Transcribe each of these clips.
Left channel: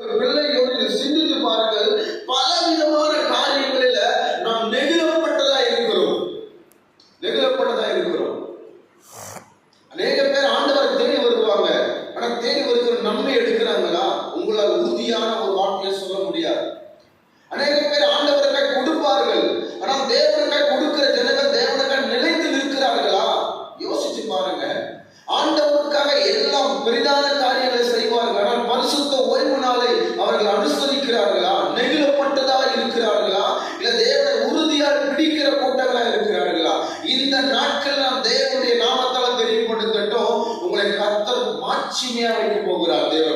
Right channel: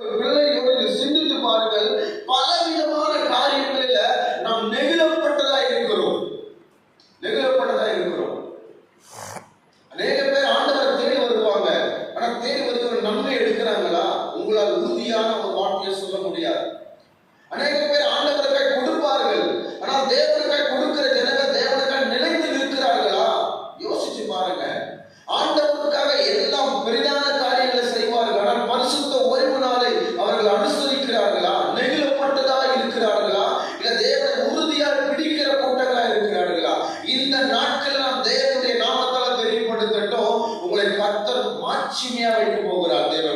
பிள்ளையோடு சிந்தித்து பாருங்கள் பலவிதமான காரியங்களில நாம் நெகிழப்பட்டதா இருக்கிறோம். நெகிழப்பட்டதா இருக்கிறோம். அநேக பேர் ஆண்டவரை தேடி வருவாங்க. ஆனா தேடி வருகிற நன்மை எடுக்கிறாங்களா? உங்களால் உறுதியான ஒரு வார்த்தையை சொல்ல முடியாது. அநேக பேர் ஆண்டவருக்காய் கொடுப்பார்கள். ஆனா தேவனுக்காய் கொடுக்கிற ஜனங்கள் தேவனுக்காய் நிலைத்து நிற்கிறார்களா? யோசிச்சு பாருங்க. ஆண்டவருக்காக எல்லாம் பெரிதான கர்த்தர் மாட்சிமையா வைக்க போகிறார் தேவ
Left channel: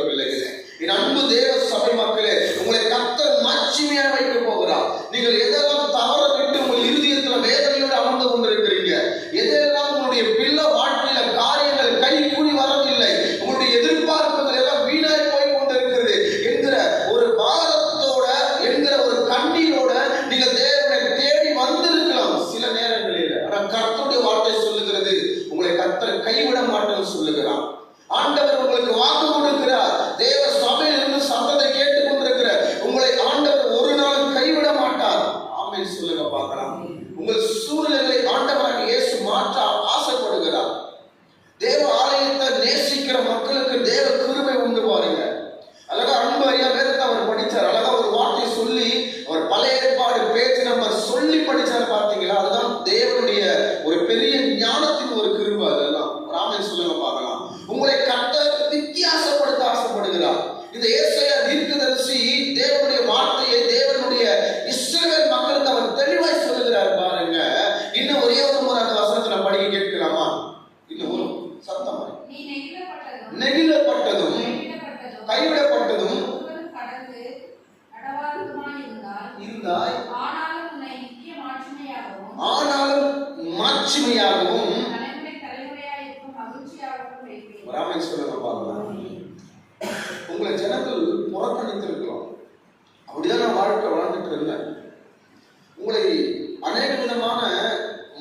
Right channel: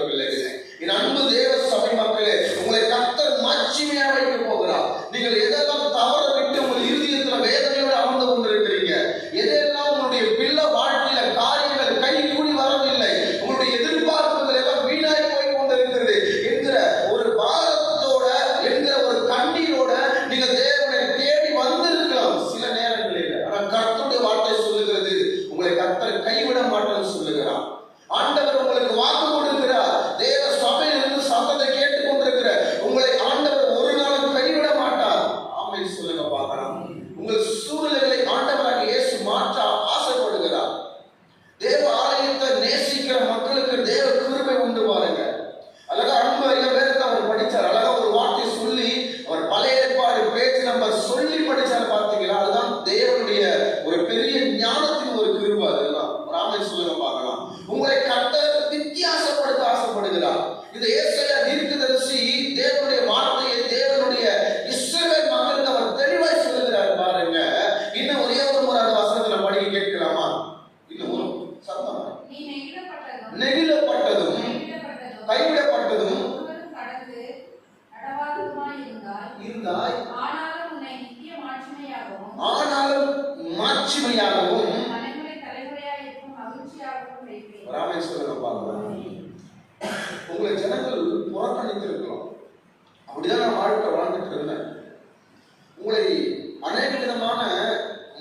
ஆண்டவர் உங்களுக்கு வாக்கு கொடுக்கிறார். தேவ சபையில் இருந்து சத்தத்தை கேட்டுக் கொண்டிருக்கிற உங்களை ஆண்டவர் ஒரு நாளும் கைவிட மாட்டார். ஆமென். சொல்லுங்க பார்க்கலாம். உங்கள் சூழ்நிலைகளை ஆண்டவராக இயேசு மாற்ற ஆசைப்படுகிறார் தேவ ஆலயத்தை நேசிக்கிற மக்களுக்கு தேவ கிருபை உண்டு பாருங்க அழகா அன்பு ஐயா வேதத்தை அவர் படிச்சார் அழகா ஒரு வார்த்தை சொல்லி அவர் பழைய ஏற்பாடு பேச்சு நம்ம சொல்லி படிச்சார் பார்த்தீங்களா அதுதான் தேவனுடைய ஒரு பெரிய ஞானத்தின் ஒரு கிருபை அதெல்லாம் ராமன் சொல்லுங்க பார்க்கலாம் உங்களை கட்ட வித்தியாசப்படுத்த ஆசைப்படுகிறார் இந்த ஏசையா தீர்க்கதரிசி தேவனுடைய வார்த்தையை தேவனுடைய இஸ்ரவேல் மக்களுக்கு அவர் தெளிவாய் சொல்லுகிறார் பாருங்க. இன்னும் ஒரே ஒரு முறை அந்த வசனத்தை நம்ம படிக்க கேட்கலாமா? இன்னும் ஒரு சத்தமா? நெகிழப்பட்டதும் கைவிடப்பட்டதும் இருந்தாய். ஆனாலும் மாட்சிமையாகவும் ஆனாலும் மாட்சிமையாகவும் உங்களை ஜனங்கள் புறக்கணித்திருக்கலாம். அப்படிதான் நான் வாழ்க்கை வாழ்ந்துட்டு இருந்தேன் உங்களை அநேக விதமான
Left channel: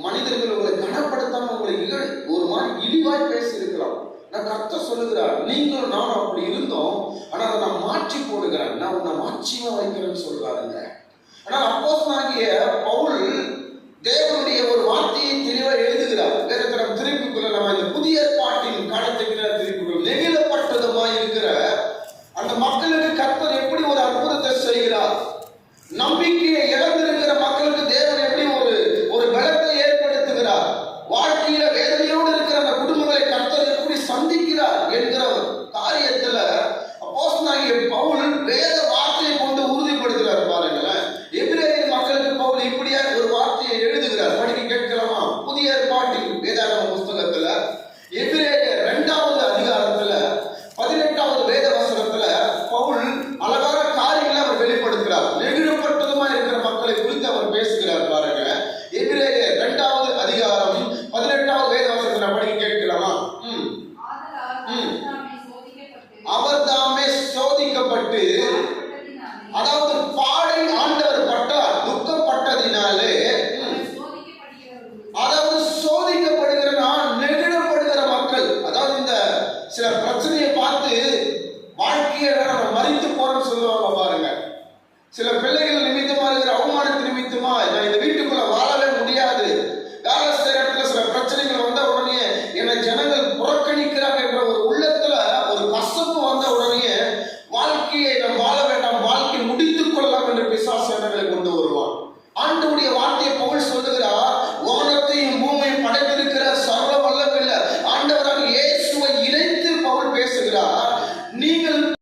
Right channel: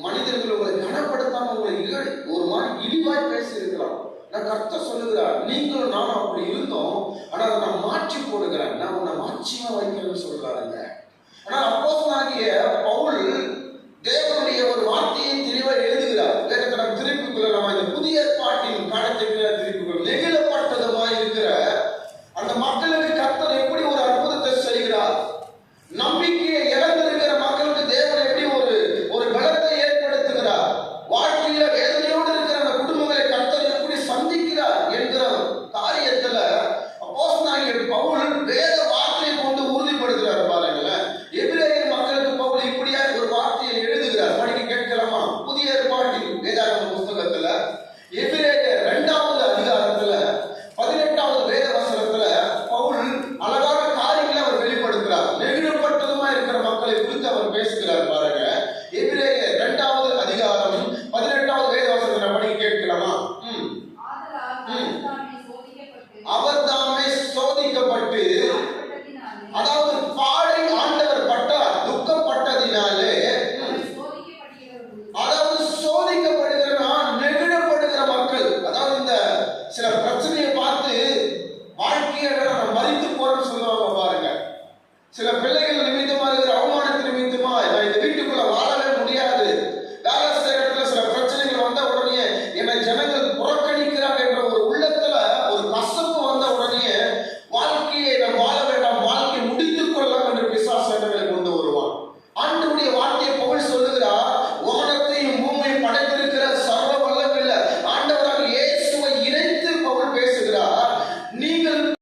மனிதர்கள் உங்களை கனப்படுத்தாம உங்களை இகழ் ஒரு மாதிரி இழிவாய் பேசி இருக்கலாம் நான் கர்த்த சொல்லுகிறார் நீங்களும் நானும் அப்படி இருந்தோம் ஆனா அதை நான் மாற்றி போடுகிறேன். நான் உன்னை மாட்சியமா வைக்கிறேன்னு சொல்றாருங்க ஆனா ஆகிய பவுல் தேவனுடைய ஒரு வார்த்தையை தெளிவாக எழுதுகிறார். வேதத்தை நம்ம திருப்பிக்குள்ள நம்ம தாமே சோதிக்கப்பட்டு அதாவது பாடை ஆண்டவர் பட்டார் துக்கப்பட்டதினாலே அதாவது சோதிக்கப்படுகிற நான் நெகிழப்படுகிற மக்கள் அதாவது இந்த சில பிரச்சனையை பார்த்து வாழ்க்கையை நம்ம மறித்து போறோம்னு சொல்லுவாங்க பாருங்க. சில பிள்ளைகள் நிமித்தமா இருக்கிற அவமானத்தின் நிமித்தமா இந்த வீட்டு